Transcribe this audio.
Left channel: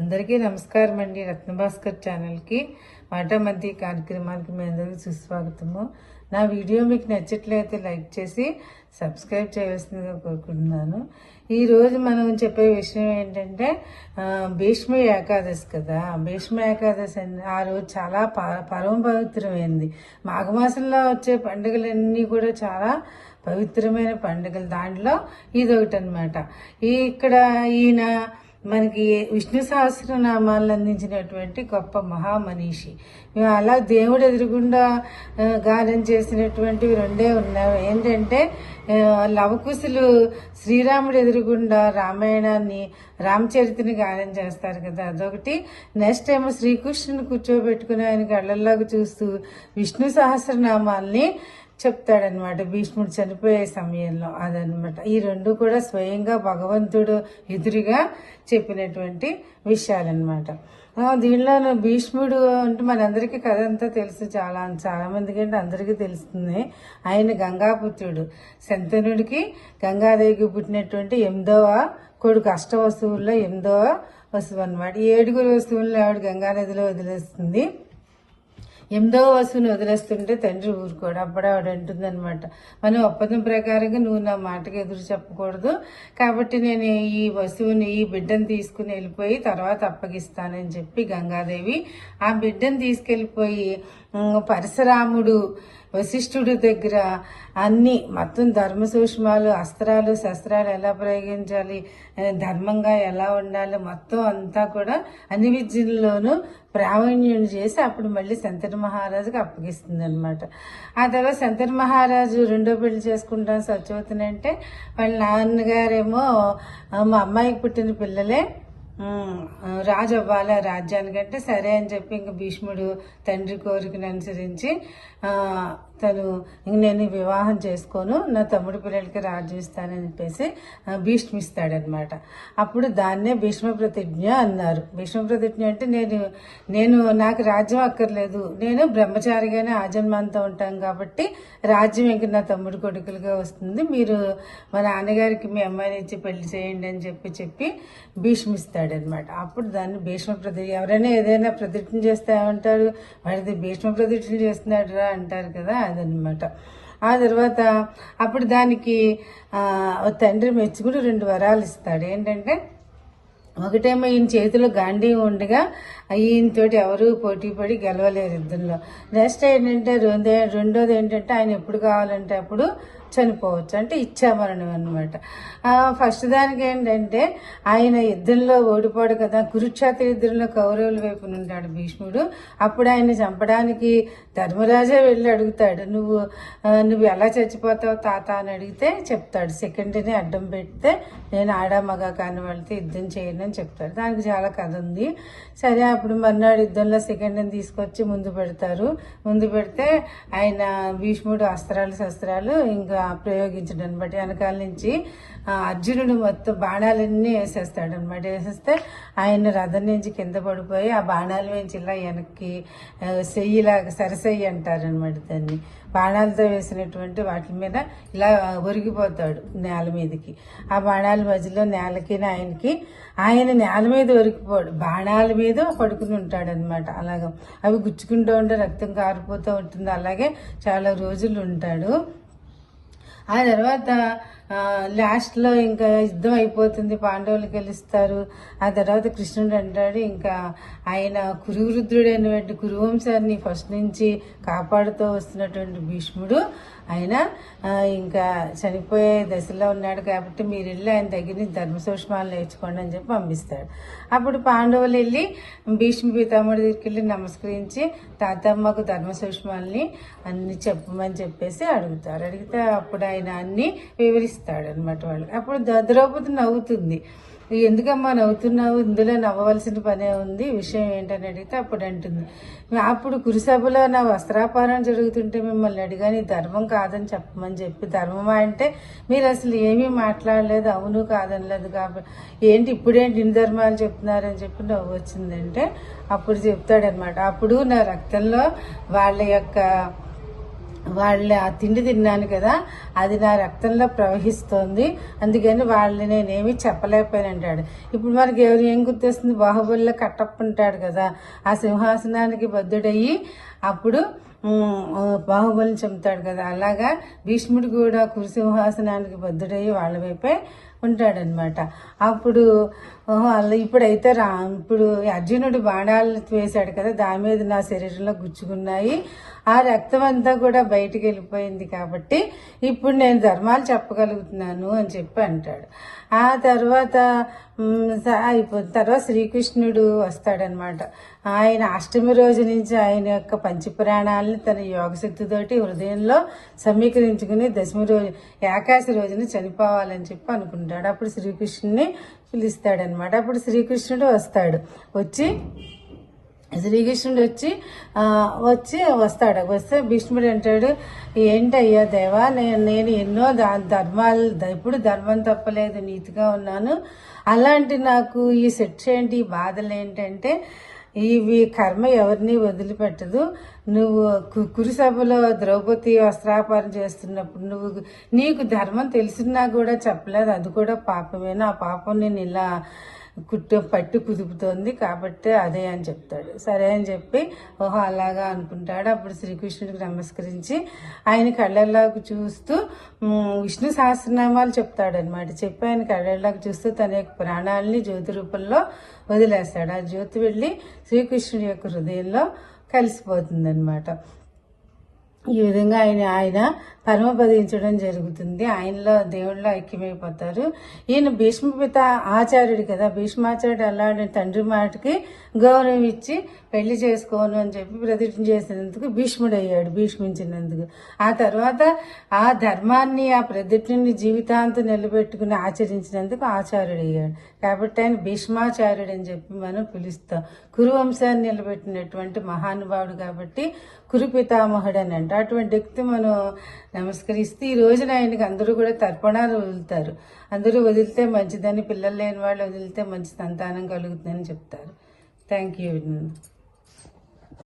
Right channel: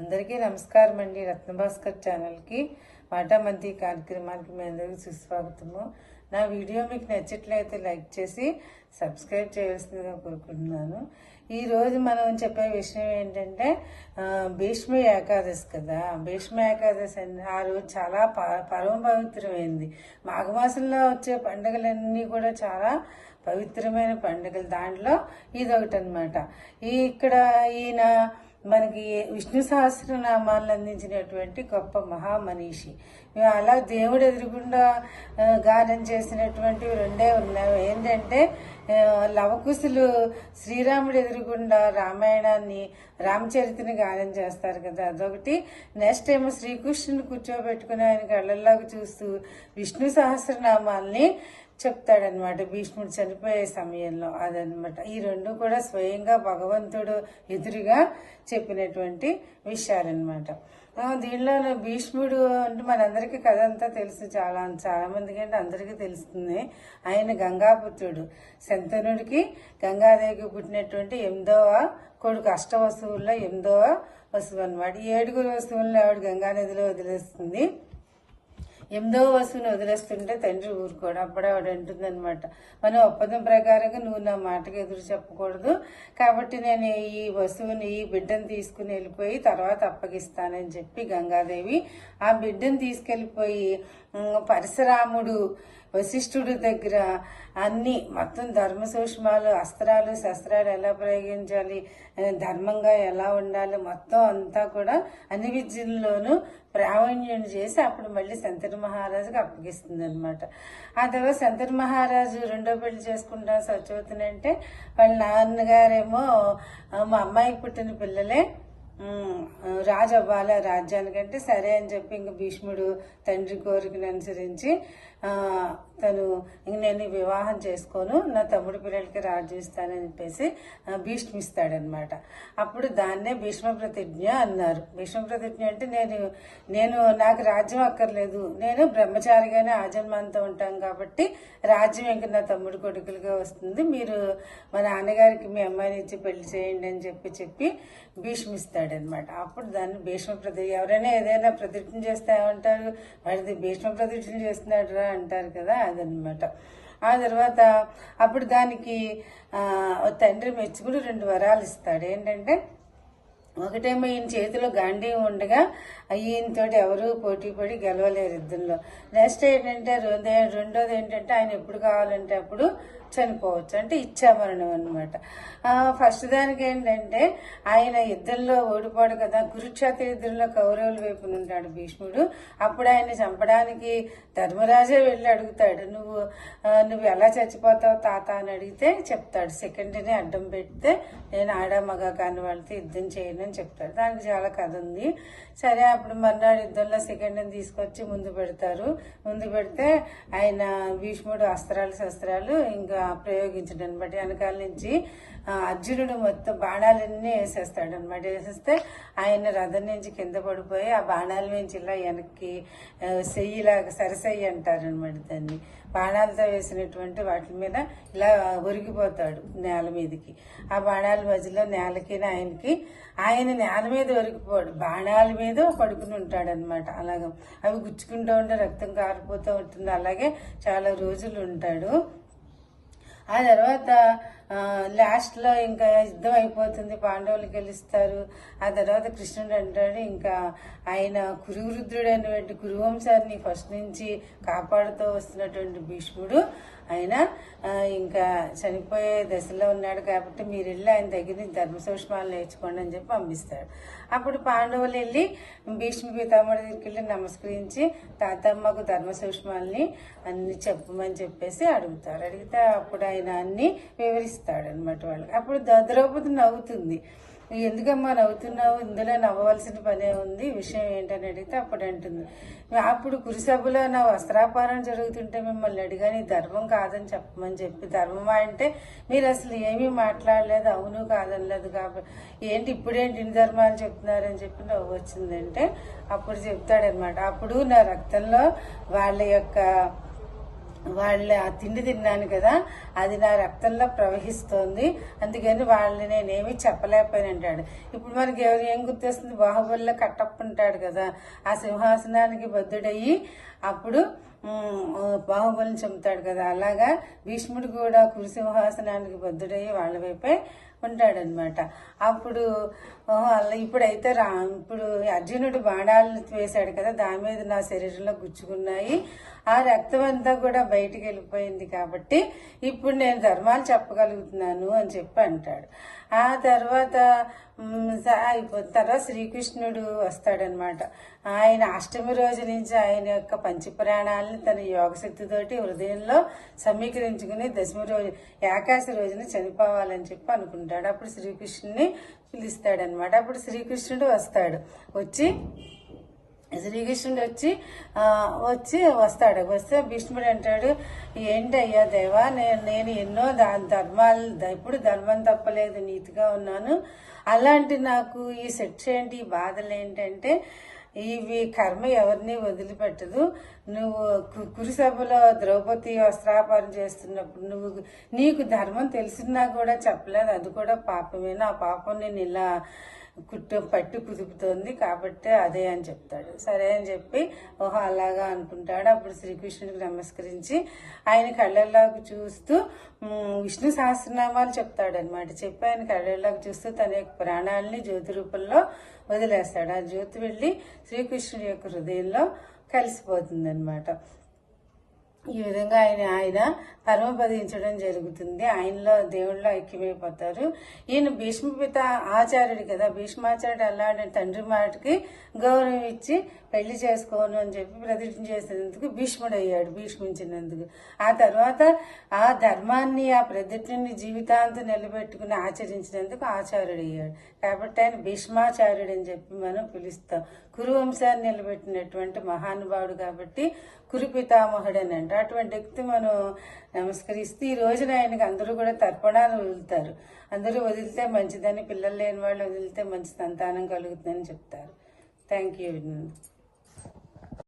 అందరికీ నమస్కారం అండి. రత్నభాస్కర్ ఛానల్కి మాటామంతి కార్యక్రమానికి మీ అందరికీ సుస్వాగతము. నా వీడియో మీకు నచ్చట్లయితే లైక్ చేసి సబ్స్క్రైబ్ చేయవలసిందిగా కోరుకుంటున్నాను. ఈరోజు మనం చెప్పే విషయం ఏంటంటే భీష్మ ఏకాదశి కదా. భీష్మ ఏకాదశి ఆ రోజు చాలా పరమ పవిత్రమైంది. మాఘమాసంలో వచ్చే పండుగలన్నీ కూడా చాలా పవిత్రమైన పండుగలు. దాంట్లో ఇదొకటి అనమాట. ఇక్కడ ఈయన మనకి విష్ణు సహస్రనామాలను అందించినటువంటి గొప్ప మహామనీషి. అలా దేవుడు ఎదురుగుండా గానం చేసినటువంటివి రెండే ఉన్నాయి. ఏంటంటే లవకుశులు శ్రీరాముడు ఎదురుగుండా రామాయణాన్ని రామచరిత్రని గానం చేస్తారు కదా, అదొకటి. నెక్స్ట్ ఏమో శ్రీకృష్ణుని కూర్చోబెట్టుకుని ఆయన కళ్ళల్లాగా చూస్తూ విష్ణు సహస్రనామాల్ని చెప్తాడనమాట భీష్ముడు చనిపోయే సమయంలో. అదనమాట ఈ రెండు కూడా స్వయంగా భగవంతుడు ఎదురుగా చెప్పినటువంటి విషయాలన్నమాట. దీనిలో భీష్ముడు అంటే మనందరికీ కథ అంతా తెలుసు. చాలా మందికి అంటే అందరికీ తెలుస్తుంది. ఆయన గంగాపుత్రుడు. శంతనుడికి గంగాదేవికి పుట్టినటువంటి 8వ కొడుకు. అష్టవసువుల్లో 8వ వసువు అనమాట. 7 వసువులను ఆవిడ గంగానదిలో వదిలేస్తుంది. 8వ వసువుని వదిలేస్తుంటే తండ్రి ఊరుకోడు. అప్పుడు ఆవిడ అంటుందన్నమాట, మనం ఒప్పందం ప్రకారంగా నువ్వు నా మాటకి ఎదురు చెప్పకూడదు, కాబట్టి నేను ఈ వసువుని ఈ బిడ్డను తీసుకుని వెళ్ళిపోయి తర్వాత అప్పగిస్తానని చెప్పి గంగాదేవి ఆ బిడ్డను తీసుకెళ్ళిపోయి పరశురాముడు వశిష్ఠుడి దగ్గర అన్ని మొత్తం ధర్మ సూక్ష్మాలు, అస్త్రాలు శస్త్రాలు ఎలా ప్రయోగించాలి, ధర్మంగా ఎలా ఉండాలి, మొత్తం అంతా కూడా అన్ని విద్యల్లోనూ ప్రావీణ్యం చేసి అప్పుడు మళ్ళీ శంతను మహారాజుకి అప్పగిస్తుంది అనమాట. ఆ తర్వాత శంతను మహారాజు రెండో పెళ్లి చేసుకుంటాను సత్యవతినంటే వాళ్ళ నాన్నగారేమో మా అమ్మాయికి పుట్టిన పిల్లలే రాజు అవ్వాలి ఆ రాజ్యానికంటే సరే అని చెప్పి ఇంక భీష్ముడు తండ్రి కోరికను అనుసరించి తను నేను వివాహం చేసుకోను, నా తమ్ముడి పిల్లలకి రాజ్యం ఇస్తానని చెప్పేసి భీష్మిస్తాడనమాట. అప్పుడు దాన్నే భీష్మ ప్రతిజ్ఞ అన్నారు. భీష్మ ప్రతిజ్ఞ అంటే నేను నాకు రాజ్యం అక్కర్లేదు, నేను బ్రహ్మచారిగానే ఆజన్మాంతం ఉంటాను కాబట్టి రాజ్యం ఇంక నా తమ్ముడి కొడుకులుగా వస్తుంది, మీరు మా నాన్నగారికి మీ అమ్మాయిని ఇచ్చి పెళ్లి చేయండి అని చెప్పి భీష్మిస్తాడనమాట. అప్పుడు దాన్ని భీష్మ ప్రతిజ్ఞ. ఎవరైనా ఏదైనా ప్రతిజ్ఞ చేస్తే ఏమంటారు, వాడిది భీష్మ ప్రతిజ్ఞ చేస్తున్నాడు రా అంటారు కదా, అదనమాట. ఆ తర్వాత అప్పుడు దానికి తండ్రి మెచ్చుకుని 2 వరాలు ఇస్తాడు. ఏంటంటే ఒకటేమో ఈయన చేతిలో గాంధీ ఉండగా ఈయనతోటి ఎవరు పోటీ పడి గెలవలేరు యుద్ధంలో. నెక్స్ట్ ఏంటంటే రెండోది ఏంటంటే ఆయన ఎప్పుడు కావాలంటే అప్పుడు చనిపోవచ్చు, అంటే ఇచ్చామరణం అనమాట. ఫస్ట్ దానికి ఏంటంటే ఆయన యుద్ధంలో ఓడిపోడు కదా, కురుక్షేత్ర యుద్ధంలో కౌరవుల వైపున ఉంటాడు భీష్ముడు. అప్పుడు ఆయన చంపడానికి ధర్మరాజే వెళ్ళి అడుగుతాడు, నువ్వు ఎలా చచ్చిపోతావు తాత అని అడిగితే చెప్తాడు, సెకండ్ని అడ్డం పెడితే నేను ఆడా మగ కాని వాళ్ళతో యుద్ధం చేయను అని చెప్తాడు. దానికి చాలా కథ ఉంది. సరే అప్పుడు మర్నాడు యుద్ధంలో సెకండ్ని తీసుకొచ్చి ముందు పెడితే ఆయన భీష్ముడు అస్త్రాలు శస్త్రాలు ఇంకా ప్రయోగించడం బట్టి వెనకాల నుంచి అర్జునుడు మొత్తం బాణాలన్నీ వేసేస్తాడనమాట. వేసేస్తే ఆయన రథం నుంచి కింద పడిపోయి ఆ బాణాల నుంచి ఇలా వెనక్కి సెయ్యిలాగా సరసెయ్యి అంటారనమాట దాన్ని. బాణాలతో వేసినటువంటి వాటి మీద ఇలా ఒరిగిపోతాడు నేల మీదకి. ఆ బాణాల మధ్యలో నేలకి ఆయన నేల మీద ఒరిగిపోడు, బాణాల మీద పడుకుని ఉంటాడనమాట. అలాగా అవి గుచ్చుకుంటూ ఉంటే రక్తం కారిపోతూ ఉంటుంది. అలాగే చాలా రోజులు ఉంటాడు. ఆ తర్వాత లాస్ట్లో ఇంకా యుద్ధం అయిపోతుంది, పాండవులు గెలుస్తారు. ఆ తర్వాత కృష్ణుడు అంటాడు, ఇంకా ఆయన కురువృద్ధుడైనటువంటి కురువంశాన్ని ఫస్ట్ నుంచి కాపాడుతూ వస్తున్నటువంటి భీష్ముడు ఆయన ఇంకా చనిపోయే దశలో ఉన్నాడు కాబట్టి మీరు వెళ్ళి ఆయన దగ్గర నుంచి ధర్మ సూక్ష్మాలు నేర్చుకోండి అని చెప్పి పంపిస్తాడు. అప్పుడు పాండవులు వెళ్ళి భీష్మ పితామహుడి దగ్గరికి వెళ్ళి నమస్కరించి తాతమ్మకు ధర్మ సూక్ష్మాలని అన్ని చెప్పమని చెప్పేసి అడిగితే అప్పుడు ఆయన అన్ని వివరిస్తాడు అనమాట వాళ్ళకి. అప్పుడు ద్రౌపది నవ్వుతుంది, ఎందుకమ్మా నవ్వుతున్నావు, ఇందులో నవ్వవలసిన పనే ఉంది, విషయం ఏంటని అడిగితే అప్పుడు అంటుంది, అప్పుడు కురుసభలో నా వస్త్రాపారం జరుగుతుంటే మిమ్మల్ని అడిగాని ధర్మం కాదని చెప్పమని చెప్పి, ధర్మమా అంటే మీరు అసలు ఏమీ మాట్లాడలేదు, అవును కాదనలేదు, కాబట్టి ఏంటి ఇప్పుడేంటి ఇన్ని ధర్మాలు చెప్తున్నారని చెప్పి నవ్వు వచ్చిందంటే అప్పుడు చెప్తాడనమాట, అప్పుడు నా రక్తంలో వాళ్ళ యొక్క వాళ్ళ ఆ తిండి తిన్నాను కదా, అది నా రక్తంలో ప్రవహిస్తోంది, అందుకని వాళ్ళని నేనేమి చెప్పలేకపోయాను అంటాడు. ఇప్పుడు మనకి ఏం గుర్తొస్తుంది? బాహుబలిలో కట్టప్ప ఉంటాడు కదా, ఆ సింహాసనానికి బద్ధుడయ్యి అప్పుడు బాహుబలిని చంపుతాడు కదా, అలాగా భీష్ముడు కూడా కురుసింహాసనానికి బద్ధుడయ్యి వాళ్ళ వైపే ఉంటాడనమాట. అప్పుడు అలా ఇప్పుడైతే ఇప్పుడు అర్జునుడు బాణాలు వేశాడు కదా, దాని మీద నా శరీరంలో గుచ్చుకున్నాయి, ఆ రక్తం అంతా కూడా బయటికి వెళ్ళిపోయింది, కాబట్టి ఇప్పుడు నేను ధర్మాలు చెప్పగలుగుతున్నాను అని చెప్పి అంటాడు. ఆ తర్వాత అయిపోతుంది. తర్వాత శ్రీకృష్ణుడు వస్తాడనమాట. ఆయన అష్టమి రోజు నుంచి ఆయన యొక్క పంచపురాణాలని తన యోగశక్తితోటి హృదయంలో సమీకరించుకుని దశమి రోజు ఏకాశి రోజున చనిపోవాలని చెప్పి అనుకుంటాడు. అప్పుడు శ్రీకృష్ణుని పిలుస్తాడనమాట. అప్పుడు శ్రీకృష్ణుడు వస్తాడు. శ్రీకృష్ణుడు వస్తే భీష్ముడు అంటాడు, ఏంటయ్యా దేవా, నేను ఎన్నో ధర్మాలు, ఇప్పుడు ధర్మం తప్పలేదు, నీతిగా ఉన్నాను, అలాంటి నాకు ఈ శిక్ష ఏంటి, ఈ బాధలు ఏంటంటే ఇవి కర్మ ఎవరిని వదిలిపెట్టదు. నువ్వు కురుసభలో ద్రౌపది వస్త్రాపరణ చేస్తున్నప్పుడు నీకు ధర్మం తెలిసినా కూడా చెప్పలేదు, అది కూడా పాపమేనా, ఆ పాపం నేను ఇలా పట్టు కుదుపుతోంది, కాబట్టి అదే అని చెప్తాడు. సరే అని చెప్పి ఓహో అలాగా అనుకుంటాడు. అప్పుడు శ్రీకృష్ణుడికి నమస్కరించి ఆయన కళ్ళల్లోకి చూస్తూ విష్ణు సహస్రనామాలు చెప్తాడనమాట. చెప్పి ఆయన కళ్ళల్లోకి చూస్తూ తన యొక్క ప్రాణాలని జ్యోతి రూపంలో వదిలేస్తాడు. ఆ జ్యోతి వెళ్ళి శ్రీకృష్ణుడి యొక్క హృదయంలో కలిసిపోతుంది అనమాట. ఈ విధంగా ఆయన పరమపదించడం జరుగుతుంది. ఆయనలో దేవుళ్ళలో ఐక్యమైపోతారు. ఈయన భీష్మపిత ఆచార్యుడు కదా, భీష్మాచార్యుడు అలాంటి తండ్రి మాటకి గౌరవం ఇచ్చి పెళ్లి చేసుకోను అని చెప్పి ప్రతిజ్ఞ చేసినందుకు భీష్ముడు అయ్యాడు, భీష్మించినందుకు. ఆ తర్వాత ఆ ధర్మాన్ని, ఆ ప్రతిజ్ఞని జీవితాంతం నిలబెట్టుకుని ఆచరించినందుకు ఆచార్యుడు అయ్యాడు. కాబట్టి ఆయన భీష్మాచార్యుడు అని చెప్పి మనం పిలుస్తాం. కురువంశాన్ని నిలబెట్టినటువంటి మహానుభావుడు కాబట్టి కురు పితామహుడు అని అంట. అటువంటి వ్యక్తి మనం నమస్కరిస్తే ఈ రోజున ఆయనకి అందరూ కూడా తర్పణాలు వదులుతారు. అందరూ వదిలితే మంచిదని, పిల్లలు లేని వాళ్ళు వదిలితే మంచి సంతానం కలుగుతుందని చెప్తారు. Thank you.